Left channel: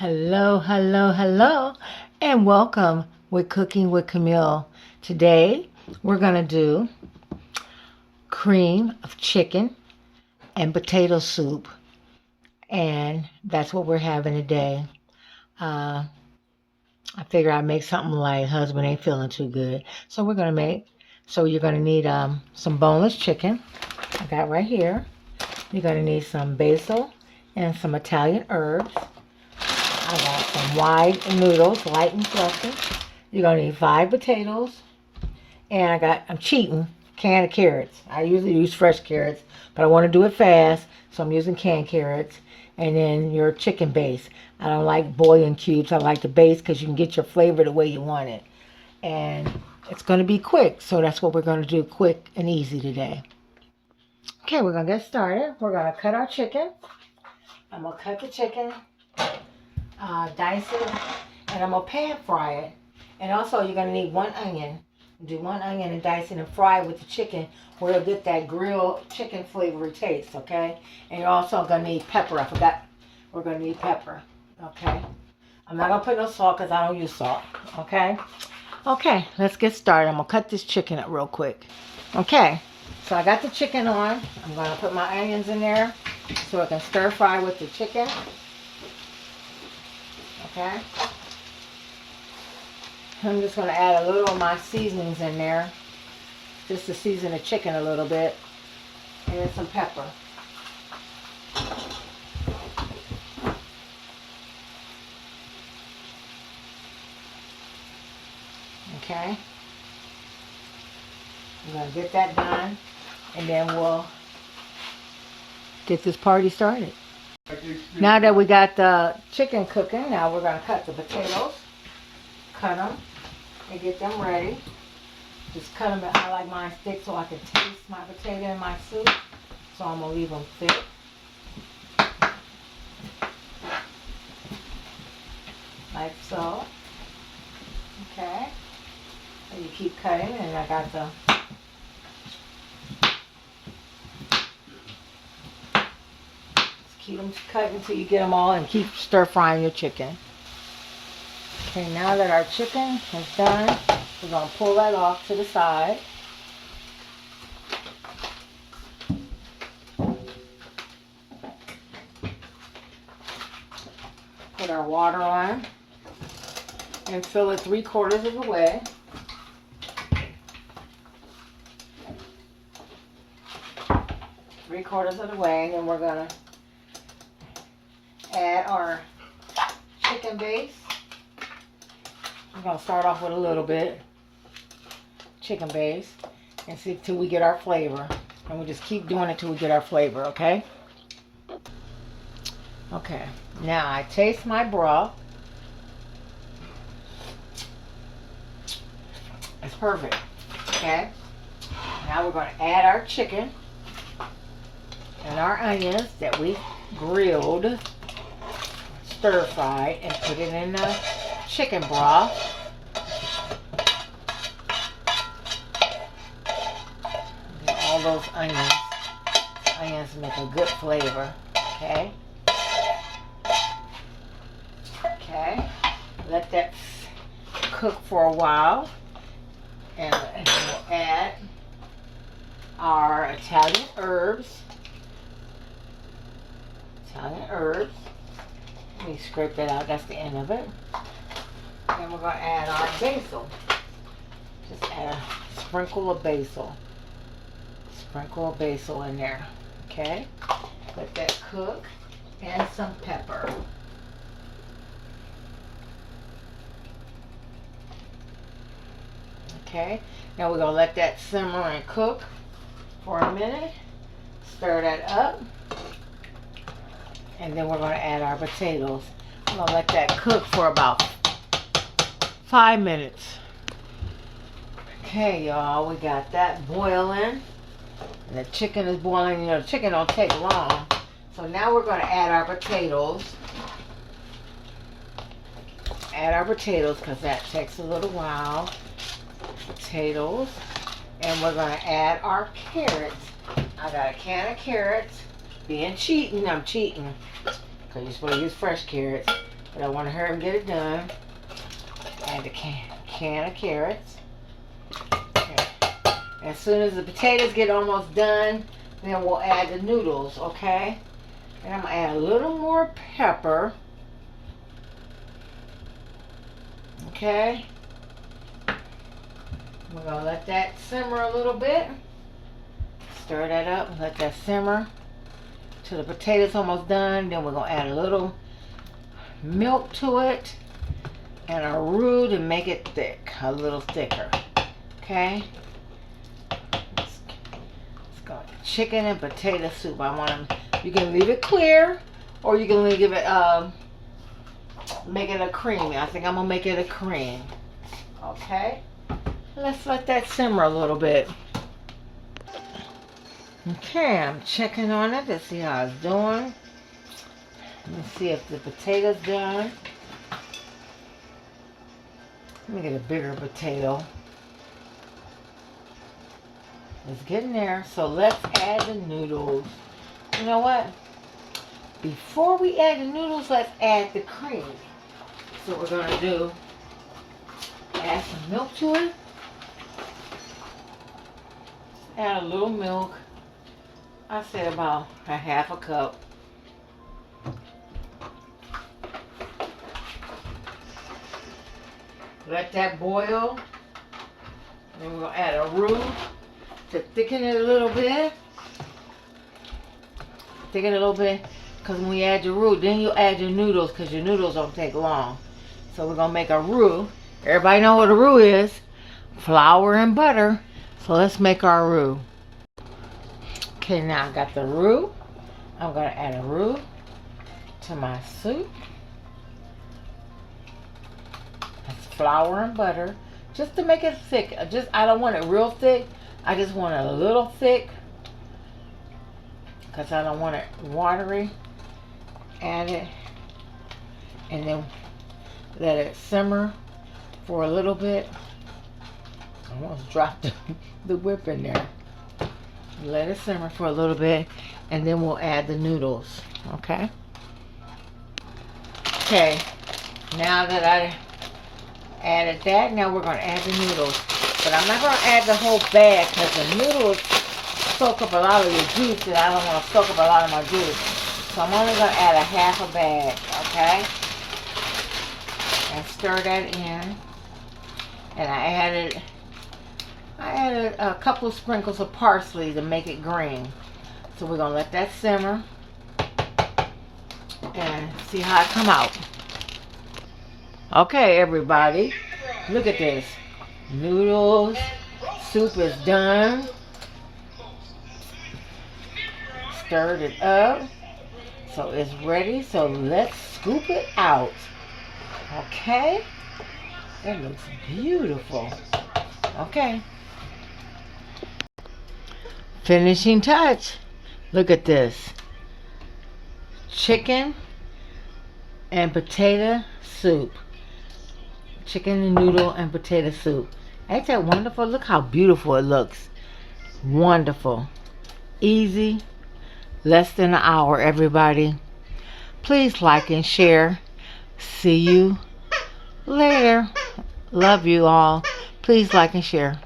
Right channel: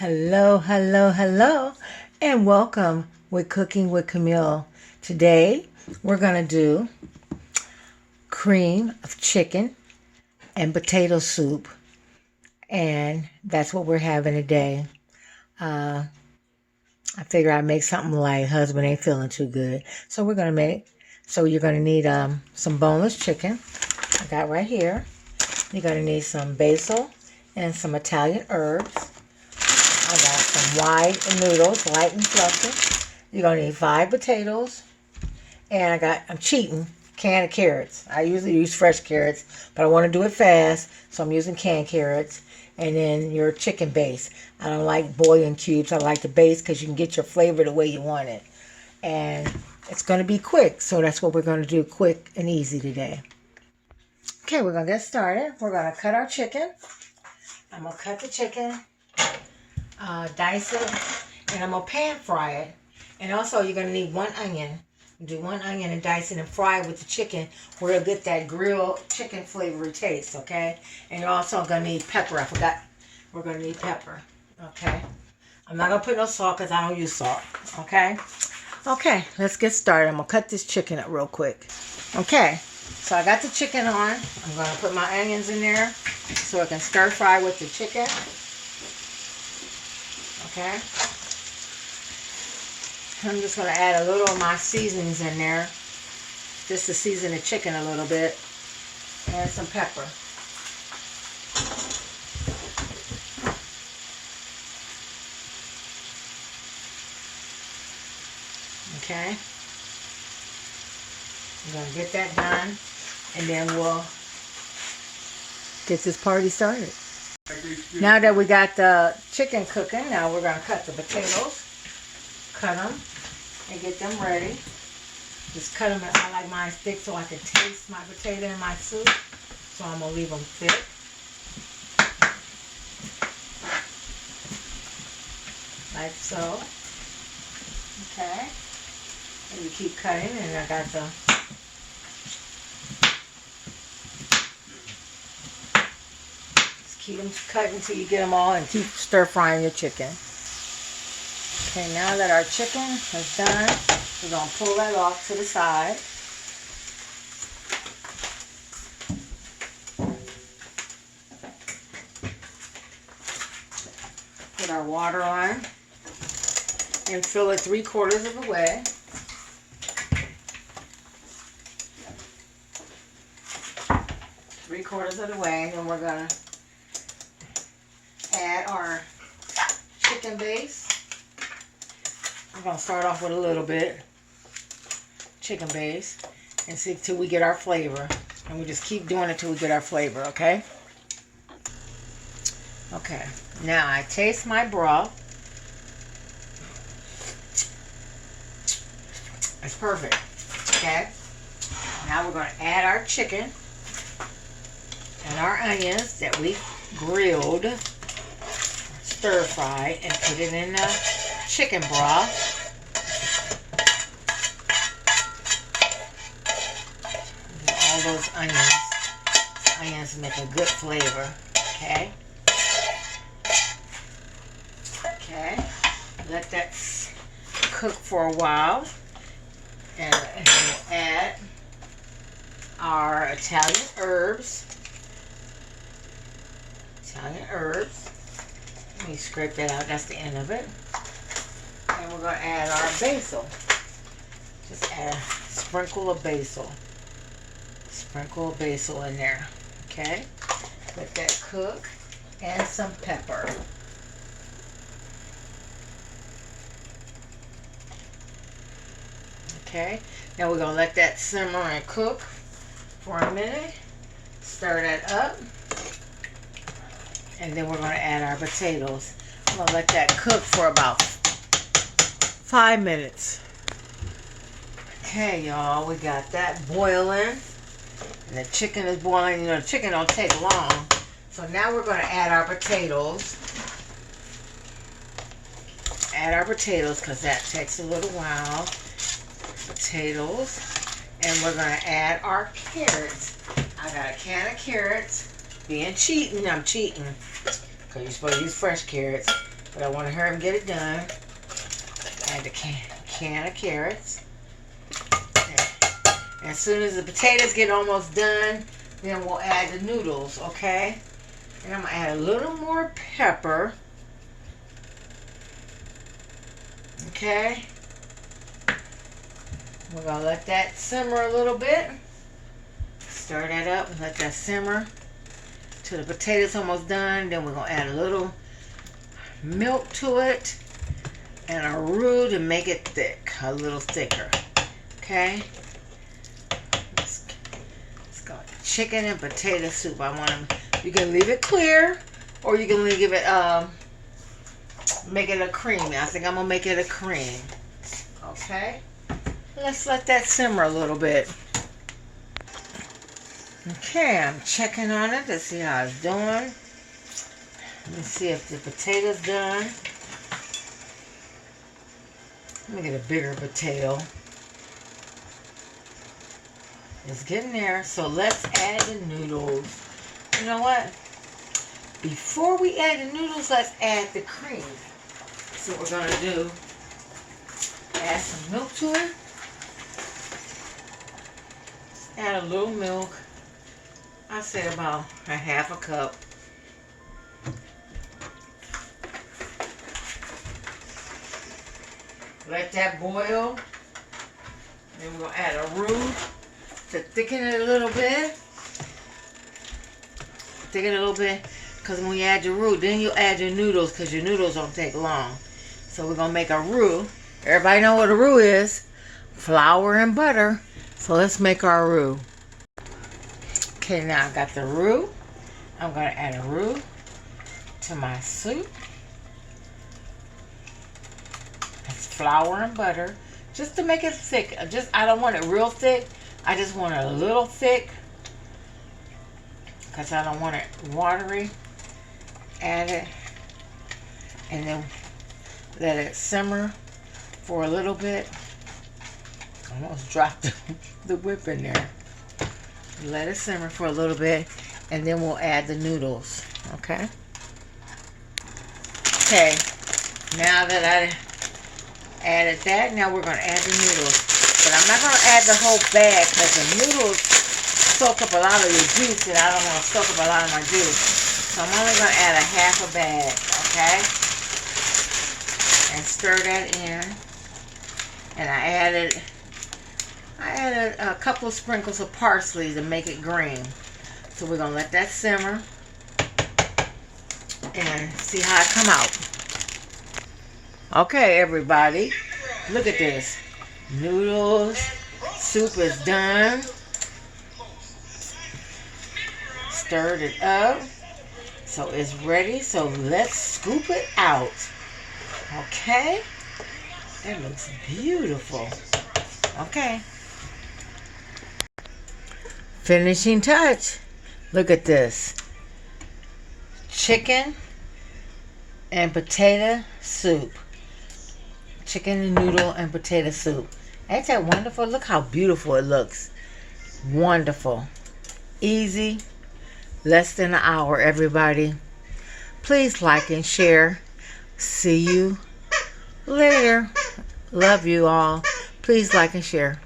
Hello, hello, hello, and welcome with Cooking with Camille. Today, we're going to do cream of chicken and potato soup, and that's what we're having today. I figure I'd make something light. Husband ain't feeling too good, so we're going to you're going to need some boneless chicken. I got right here. You're going to need some basil and some Italian herbs. I got some wide noodles, light and fluffy. You're going to need 5 potatoes. And I'm cheating, can of carrots. I usually use fresh carrots, but I want to do it fast, so I'm using canned carrots. And then your chicken base. I don't like bouillon cubes. I like the base because you can get your flavor the way you want it. And it's going to be quick, so that's what we're going to do, quick and easy today. Okay, we're going to get started. We're going to cut our chicken. I'm going to cut the chicken. Dice it, and I'm going to pan fry it. And also, you're going to need 1 onion. Do 1 onion and dice it and fry it with the chicken where it'll get that grilled chicken flavory taste, okay? And you're also going to need pepper. I forgot. We're going to need pepper, okay? I'm not going to put no salt because I don't use salt, okay? Okay, let's get started. I'm going to cut this chicken up real quick. Okay, so I got the chicken on. I'm going to put my onions in there so I can stir fry with the chicken. Okay, I'm just going to add a little of my seasonings in there, just to season the chicken a little bit, and some pepper. Okay, I'm going to get that done, and then we'll get this party started. Now that we got the chicken cooking, now we're going to cut the potatoes. Cut them and get them ready. Just cut them. I like mine thick so I can taste my potato in my soup. So I'm going to leave them thick. Like so. Okay. And you keep cutting, and I got the keep them cut until you get them all, and keep stir frying your chicken. Okay, now that our chicken is done, we're going to pull that off to the side. Put our water on and fill it 3/4 of the way. Three-quarters of the way, and then we're going to add our chicken base. I'm going to start off with a little bit chicken base and see till we get our flavor. And we just keep doing it till we get our flavor, okay? Okay, now I taste my broth. It's perfect, okay? Now we're going to add our chicken and our onions that we grilled, stir fried, and put it in the chicken broth. And all those onions make a good flavor, okay? Okay, let that cook for a while, and we'll add our Italian herbs. Let me scrape that out. That's the end of it. And we're going to add our basil. Just add a sprinkle of basil. Sprinkle of basil in there. Okay. Let that cook. And some pepper. Okay. Now we're going to let that simmer and cook for a minute. Stir that up. And then we're going to add our potatoes. I'm going to let that cook for about 5 minutes. Okay, y'all, we got that boiling. And the chicken is boiling. You know, the chicken don't take long. So now we're going to add our potatoes. Add our potatoes because that takes a little while. Potatoes. And we're going to add our carrots. I got a can of carrots. I'm cheating. Because you're supposed to use fresh carrots. but I want to hurry and get it done. Add the can of carrots. Okay. As soon as the potatoes get almost done, then we'll add the noodles, okay? And I'm going to add a little more pepper. Okay. We're going to let that simmer a little bit. Stir that up and let that simmer till the potatoes almost done. Then we're going to add a little milk to it and a roux to make it thick, a little thicker. Okay. Let's go. Chicken and potato soup. You can leave it clear or you can leave it, make it a creamy. I think I'm going to make it a cream. Okay. Let's let that simmer a little bit. Okay, I'm checking on it to see how it's doing. Let me see if the potato's done. Let me get a bigger potato. It's getting there. So let's add the noodles. You know what? Before we add the noodles, let's add the cream. So we're going to do, add some milk to it. Add a little milk. I said about a half a cup. Let that boil. Then we're going to add a roux to thicken it a little bit. Thicken it a little bit. Because when you add your roux, then you add your noodles because your noodles don't take long. So we're going to make a roux. Everybody know what a roux is. Flour and butter. So let's make our roux. Okay, now I got the roux. I'm going to add a roux to my soup. That's flour and butter. Just to make it thick. I don't want it real thick. I just want it a little thick. Because I don't want it watery. Add it. And then let it simmer for a little bit. I almost dropped the whip in there. Let it simmer for a little bit, and then we'll add the noodles. Okay. Okay. Now that I added that, now we're going to add the noodles. But I'm not going to add the whole bag because the noodles soak up a lot of the juice, and I don't want to soak up a lot of my juice. So I'm only going to add a half a bag. Okay. And stir that in. And I added a couple of sprinkles of parsley to make it green. So we're going to let that simmer and see how it come out. Okay, everybody. Look at this. Noodles. Soup is done. Stirred it up. So it's ready. So let's scoop it out. Okay. It looks beautiful. Okay. Finishing touch. Look at this. Chicken and potato soup. Chicken and noodle and potato soup. Ain't that wonderful? Look how beautiful it looks. Wonderful. Easy. Less than an hour, everybody. Please like and share. See you later. Love you all. Please like and share.